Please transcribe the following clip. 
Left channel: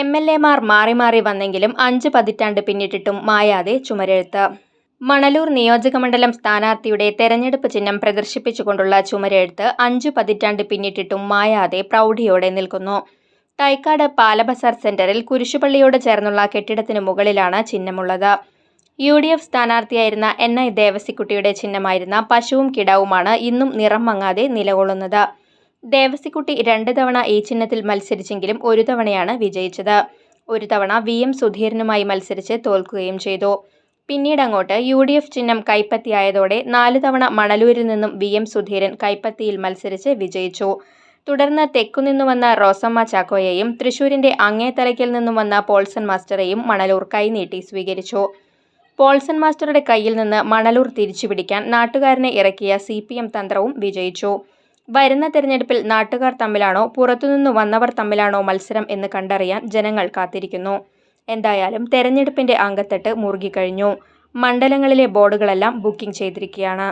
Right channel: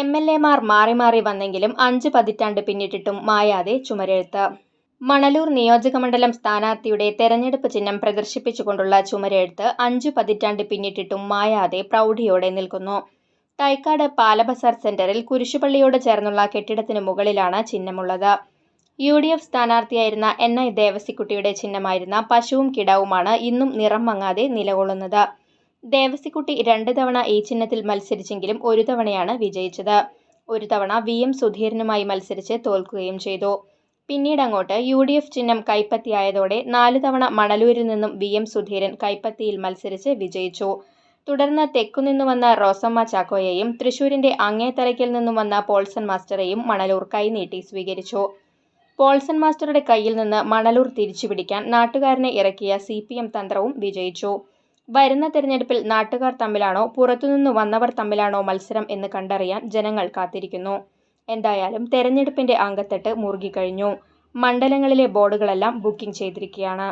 എം.എൽ.എമാർ മാറി മാറി വന്നെങ്കിലും 5 പതിറ്റാണ്ട് പിന്നിട്ടിട്ടും മായാതെ ചുമരെഴുത്ത്. മണലൂർ നിയോജകമണ്ഡലം സ്ഥാനാർത്ഥിയുടെ തെരഞ്ഞെടുപ്പ് ചിഹ്നം പ്രദർശിപ്പിച്ചുകൊണ്ടുള്ള ചുമരെഴുത്ത് 5 പതിറ്റാണ്ട് പിന്നിട്ടിട്ടും മായാതെ പ്രൗഢിയോടെ നിൽക്കുന്നു. തൈക്കാട് പാലബസാർ സെന്ററിൽ കുരിശുപള്ളിയോട് ചേർന്നുള്ള കെട്ടിടത്തിന് മുകളിലാണ് ചിഹ്നമുള്ളത്. UDF സ്ഥാനാർത്ഥിയായിരുന്ന NI ദേവസിക്കുട്ടിയുടെ ചിഹ്നമായിരുന്ന പശുവും കിടാവുമാണ് ഇന്നും നിറം മങ്ങാതെ നിലകൊള്ളുന്നത്. ദേവസിക്കുട്ടി 2 തവണ ഈ ചിഹ്നത്തിൽ മത്സരിച്ചെങ്കിലും ഒരു തവണയാണ് വിജയിച്ചത്. ഒരു തവണ VM സുധീരനുമായി മത്സരിച്ച് തോൽക്കുകയും ചെയ്തു. പിന്നീടങ്ങോട്ട് UDF ചിഹ്നം കൈപ്പത്തിയായതോടെ 4 തവണ മണലൂരിൽ നിന്നും VM സുധീരൻ കൈപ്പത്തിയിൽ മത്സരിച്ച് വിജയിച്ചു. തുടർന്ന് തെക്കുനിന്നു വന്ന റോസമ്മ ചാക്കോയെയും തൃശൂരിന്റെ അങ്ങേത്തലയ്ക്കൽ നിന്നും വന്ന പോൾസൺ മാസ്റ്ററെയും മണലൂർ കൈനീട്ടി സ്വീകരിച്ചു. പോൾസൺ മാസ്റ്ററുടെ കയ്യിൽ നിന്ന് മണലൂർ തിരിച്ചുപിടിക്കാൻ നാട്ടുകാരനെ ഇറക്കിയ CPM തന്ത്രവും വിജയിച്ചു. വരുന്ന തെരഞ്ഞെടുപ്പിൽ നാട്ടുകാർ തമ്മിലാണോ പുറത്തുനിന്നു വന്നവർ തമ്മിലാണോ മത്സരം എന്ന് കണ്ടറിയാൻ ജനങ്ങൾ കാത്തിരിക്കുന്നു. എന്തായാലും തെരഞ്ഞെടുപ്പിന്റെ അങ്കത്തട്ട് മുറുകിക്കഴിഞ്ഞു. മണ്ഡലങ്ങളിലെ ബോർഡുകളെല്ലാം ബുക്കിംഗ് ചെയ്തിരിക്കുകയാണ്.